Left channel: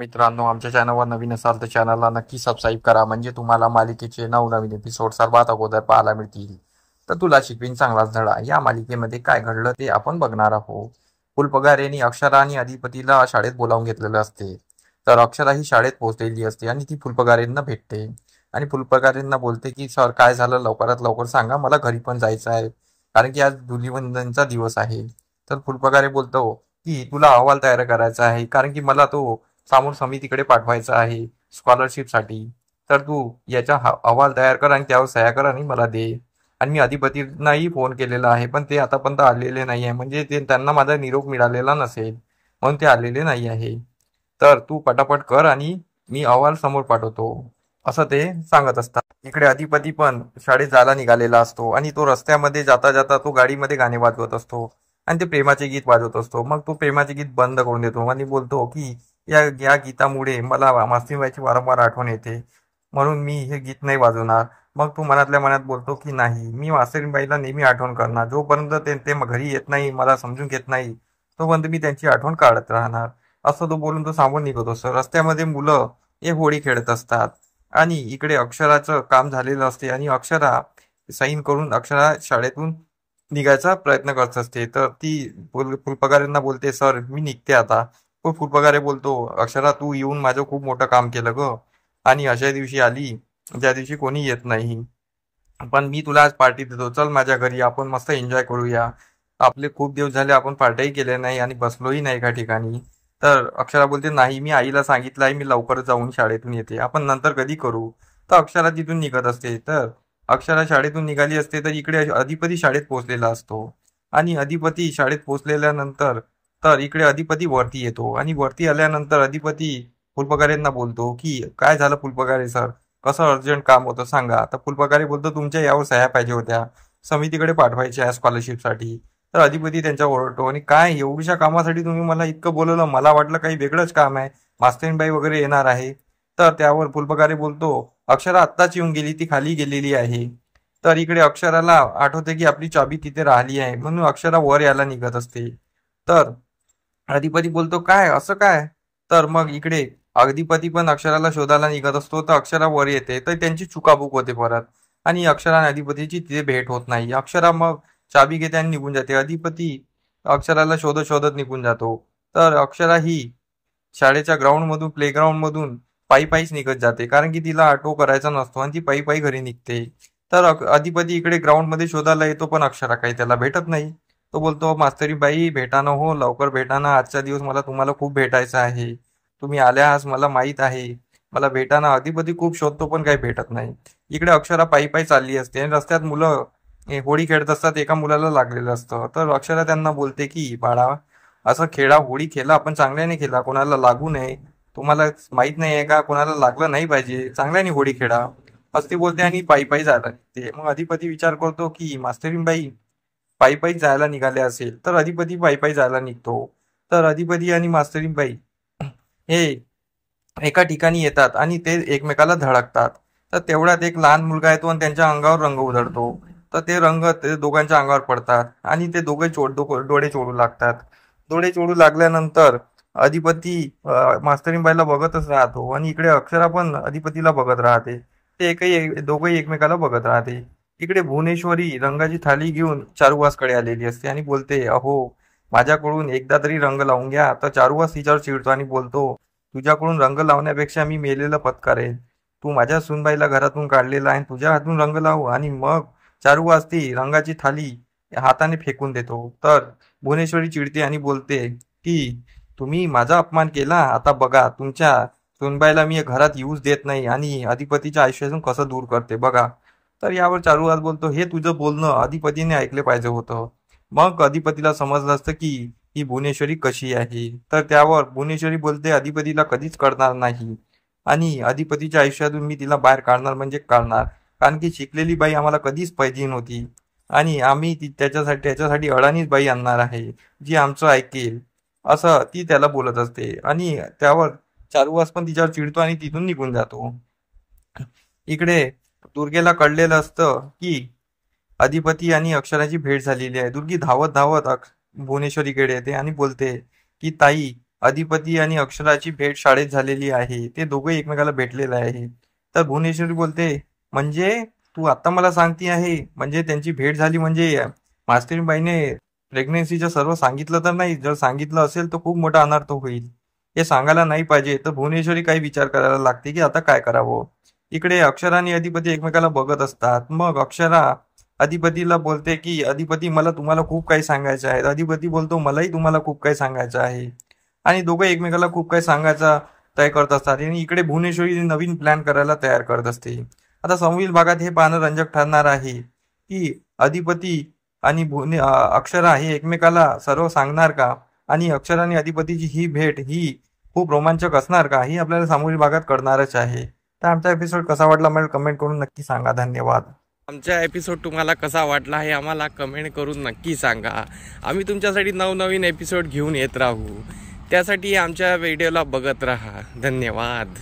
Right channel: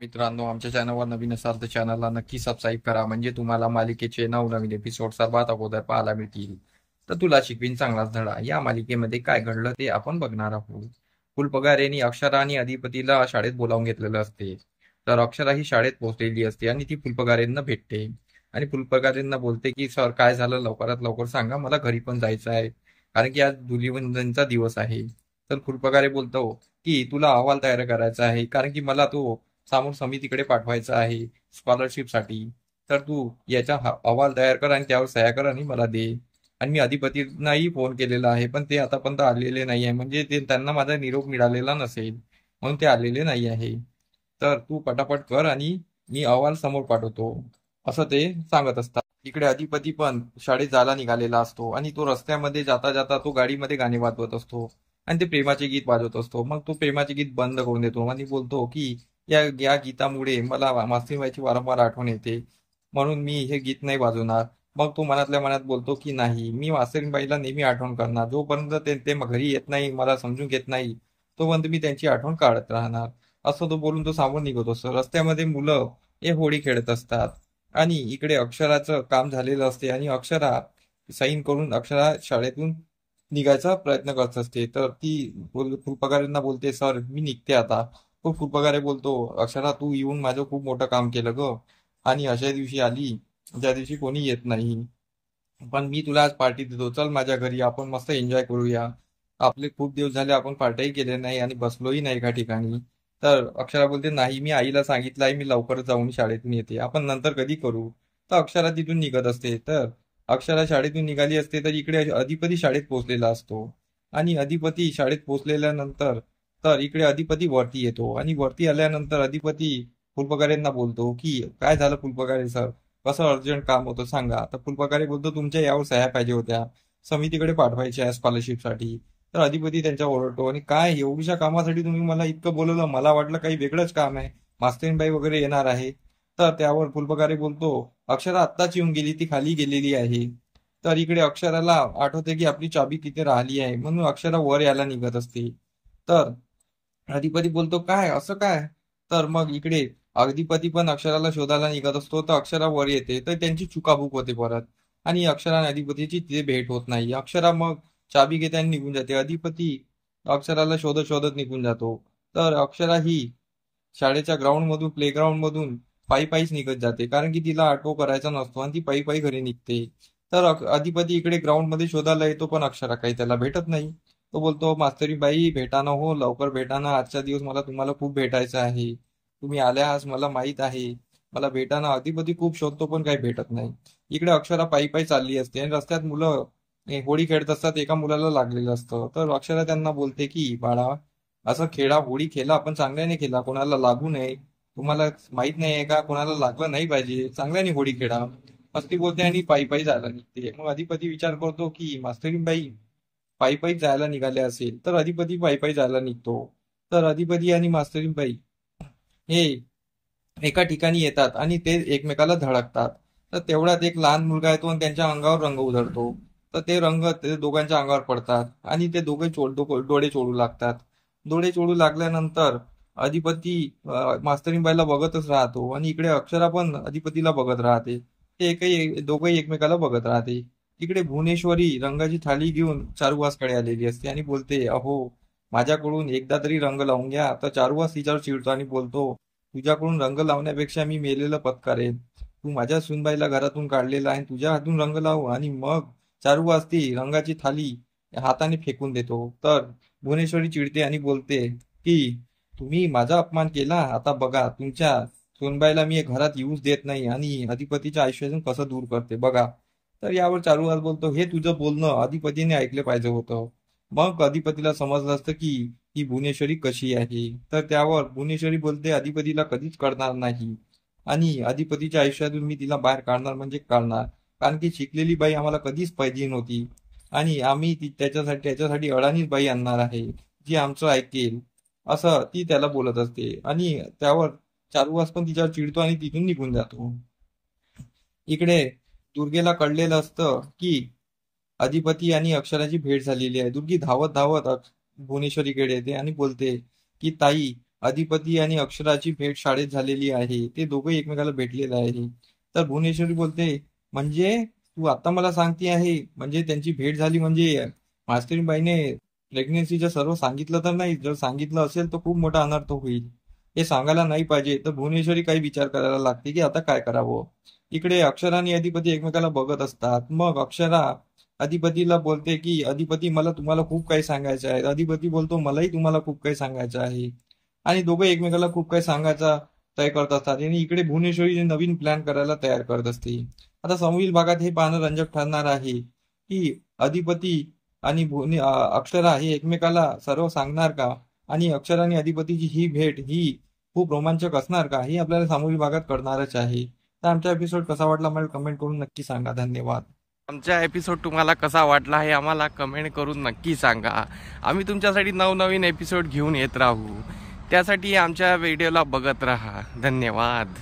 मित्रांनो, आमच्या चॅनलवर नवीन असाल तर चॅनलला नक्की सबस्क्राईब करा, म्हणजे तुम्हाला मालिकेचे नवनवीन एपिसोड सर्वात अगोदर पाहायला मिळतील. तर तुला शिकवीन चांगलाच धडा या मालिकेमध्ये काय घडलं ते आपण बघणार आहोत. फुलपगारेने अक्षरा आणि अधिपतीला शाळेत बोलावून घेतलेलं असते. तर अक्षरा ही शाळेत पोहोचलेली असते आणि ती फुलपगारेंना भेटते आणि फुलपगारेंना बोलते की सर, काय झालं, लवकरात लवकर सांगा, मला घरी पण जायचं आहे, कारण की आज धुलीवंदनचा दिवस आहे. तर फुलपगारे बोलतो की तुला अहवाल तयार करायचा आहे, कारण की मला तो समोर समितीकडे पाठवायचं आहे स्कॉलरशिपसाठी. तर तू याचा अहवाल तयार कर आणि त्यावर सह्या कर आणि मला दे. आणि मी अधिपतींनाही फोन केलेला आहे, पण ते आतापर्यंत आलेले नाही आहे, म्हणजे ते त्यांना माझा निरोप मिळालेला नसेल म्हणून ते आलेले नाही आहे. तर तू पटापट कर आणि मी अहवाल समोर पाठवतो, असं ते सांगत असतात. इकडे अधिपती पण शाळेत जायला निघालेला असतो आणि तो रस्त्यामध्ये जाता जाता तो गाडीमध्ये गाणे वाजवत असतो आणि ते प्रेमाचे गीत वाजवत असतो. मग तो प्रेमाचे गीत बंद करून देतो आणि बोलतो की या या गीतामुळे मला मास्तरीबाईची वारंवार आठवण येते, म्हणून मी हे गीत नाही वाजवणार. मग तो मनातल्या मनात बोलतो की नाही, मी मास्तरीबाईला नेहमी आठवण करणार, जोपर्यंत ते ते घरी येत नाही, मला समजून घेत नाही, तोपर्यंत मी त्यांची आठवण काढत राहणार. असं तो बोलून तो सामोर निघत असतो. रस्त्यामध्ये मुलं हे होळी खेळत असतात आणि इकडे अक्षराचं काम झालेलं असते आणि अक्षरा साईन करून अक्षरा शाळेतून निघायचा प्रयत्न करत असते. तर ती फुलपगारांना बोलते, सर मी निघते आता. तो फुलपगारे बोलतो, अक्षरा तू येऊन माझं खूप मोठं काम केलं ग, आणि अशा दिवशी आली ज्या दिवशी कोणी येत नाही, पण मी तुला आज पार्टी देतो, चल माझ्या घरी, आपण मस्त एन्जॉय करूया. आपले खूप दिवस झाले आपण पार्टीही केले नाही आणि बसलोही नाही एका ठिकाणी. तर अक्षरा बोलते, नाही, मी आईला सांगितलं आहे, मी लवकर जाऊन शाळेतून येते, आपण नंतर कधी करू. तर अक्षरा तिथून निघत असते. तर अक्षरा शाळेतून निघाली असते तर इकडे अधिपती शाळेत पोहोचलेला असतो आणि अधिपती शाळेत पोहोचलेल्यानंतर तर इकडे अधिपती वरती येतो आणि वरती आल्यानंतर अधिपती फुलपगारेंना बोलतो की काय झालं फुलपगारे सर, कसं अर्जंट काम होतं सांगा. तर फुलपगारे बोलतो, तुमच्या यावर सह्या पाहिजे होत्या, समितीकडे पाठवायच्या स्कॉलरशिपसाठी. तर अधिपती त्यांच्यावर ओरडतो, आणि काय एवढ्याशा कामासाठी तुम्ही मला इतकं बोलवलं, मला वाटलं काही वेगळंच काम आहे, मास्तरीणबाई वगैरे येणार आहे. तर त्यावर फुलपगारे बोलतो, अक्षरा आत्ताच येऊन गेली, ती खाली गेलेली आहे. तर इकडे अक्षराला आठवते की आपली चाबी तिथे राहिली आहे, म्हणून अक्षरा वर यायला निघत असते. तर अधिपती बोलतो, काय असं काय. तर मग इकडे अधिपती पण अक्षराला शोधायला निघत असतो. तर अक्षरा वर येते तर त्यांची चुकाबुक होते परत, आणि अक्षरा आणि अधिपतीची तिथे भेट होत नाही. अक्षरा मग चाबी घेते आणि निघून जाते. अधिपती अक्षराला शोधत शोधत निघून जातो. तर अक्षरा ही शाळेच्या ग्राउंड मधून, प्लेग्राऊंड मधून पायी पायीच निघत जाते, कारण की तिला ऑटो करायचा नसतो आणि ती पायी पायी घरी निघते. तर अधिपती इकडे ग्राउंड मध्ये शोधायला येतो, पण अक्षरा काही त्याला भेटत नाही. तो बोलतो, मास्तरी बाई भेटानं हो, लवकर भेटानं, आजचा दिवस मला तुम्हाला खूप भेटायचं आहे, तुम्ही आल्या आज मला माहित आहे, मला भेटानं. अधिपती खूप शोधतो पण काही भेटत नाही. इकडे अक्षरा पायी पायी चालली असते आणि रस्त्यात मुलं होळी खेळत असतात. एका मुलाला लागलेलं असतं. तर अक्षरा त्यांना बोलते की बाळा, असं खेळा, होळी खेळा, आपण चांगल्याने खेळा, कोणाला लागू नये. तुम्हाला माहित नाही आहे का, कोणाला लागलं नाही पाहिजे, चांगल्याने होळी खेळा, असं ती बोलते आणि पायी पायी जायला निघते. मग अधिपती विचार करतो की मास्तरीणबाई पायी पायी जायला निघाले असेल, तर अधिपती पायी पायी जायला निघतो. तर अधिपती आणि मास्तरीणबाई हे एका ठिकाणी येतात आणि ते एकमेकाला धडकतात. तर तेवढ्यात एक लहान मुलगा येतो आणि त्यांच्या अंगावर रंग उधळतो. तर ते रंग ते दोघांच्या अंगावर पडतात आणि ते दोघे डोळे चोळू लागतात. डोळे चोळू लागल्यानंतर अधिपती मास्तरीणबाईला बघतच राहतो आणि इकडे अक्षरा पण अधिपतीला बघत राहते. ते दोघंही एकमेकाला बघत राहते. इकडे भुवनेश्वरी रंगाची थाली घेऊन चारुवासकडे आलेली असते आणि बोलते, अहो, माझ्याकडून एकदा तरी रंग लावून घ्या. तर चारुवास तिच्यावर चिडतो आणि बोलतो, तुझ्याकडून रंग लावण्यापेक्षा मी मेलेलं पत्करेन. तू माझ्या सुनबाईला घरातून काढलेला आहे, तुझ्या हातून रंग लावू. आणि मग चारुवास ती रंगाची थाली हाताने फेकून देतो. तर भुवनेश्वरी चिडते आणि बोलते की तुम्ही माझा अपमान केला, आता बघा तुमच्या सुनबाईला मी घरात येऊच देत नाही आणि अधिपतीच्या आयुष्यातून कसं दूर करते बघा. तर यावर चारुवास बोलतो, हे तुझं बोलणं अधिपतीने ऐकले पाहिजे होतं. मग अधिपतीला समजलं असतं की ही भुवनेश्वरी कशी आहे. तर त्यावर भुवनेश्वरी बोलते, अधिपतीला कधीच कळणार नाही आणि अधिपतीच्या आयुष्यातून मी तिला बाहेर काढणार म्हणजे काढणार, कारण की शिकलेली बाई आम्हाला कधीच पाहिजे नव्हती आणि आम्ही त्याच्यासाठी अडाणीच बाई आणणार आहे, जी आमचं ऐकेल, असं ती त्याला बोलत असते. आणि त्यावर चारुवास पण तिच्यावर चिडतो आणि तिथून निघून जातो. इकडे दुर्गेला कळलेलं असतं की अधिपती आणि अक्षराची भेट झालेली आहे. दुर्गी धावत धावत भुवनेश्वरीकडे येते आणि बोलते की ताई, अधिपती आणि अक्षराची भेट शाळेत झालेली आहे. ते दोघे एकमेकाला भेटलेले आहे. तर भुवनेश्वरी बोलते, म्हणजे तू आता मला सांगती आहे, म्हणजे त्यांची भेट झाली म्हणजे मास्तरीबाईने प्रेग्नन्सीचं सर्व सांगितलं तर नाही? जर सांगितलं असेल तर खूप मोठा अनर्थ होईल. हे सांगायला नाही पाहिजे. तर भुवनेश्वरी काही विचार करायला लागते की आता काय करावं. इकडे अक्षरा आणि अधिपती एकमेकाला बघत असतात. मग अक्षरा अधिपतीला बोलते की अधिपती, मला तुम्हाला खूप काही सांगायचं आहे. अधिपती बोलतो, मलाही तुम्हाला खूप काही सांगायचं आहे. आणि दोघं एकमेकाला खूप काही सांगायचा तय करत असतात. आणि इकडे भुवनेश्वरी नवीन प्लॅन करायला तयार करत असते. आता समोरील भागात हे पाहणं रंजक ठरणार आहे की अधिपती आणि अक्षरा हे एकमेकाला सर्व सांगणार का, आणि अक्षरा आणि अधिपतीची ही भेट ही खूप रोमांचक असणार का, ही आपल्याला समोरील भागात कळणारच आहे. तर आमचा एपिसोड कसा वाटला मला कमेंट करून नक्की सांगा. धन्यवाद. आमचा एपिसोड तुम्हाला कसा वाटला हे आम्हाला कमेंट करून नक्की सांगा. आम्ही तुमच्यासाठी नवनवीन एपिसोड घेऊन येत राहू. त्यासाठी आमच्या व्हिडिओला बघत राहा. धन्यवाद.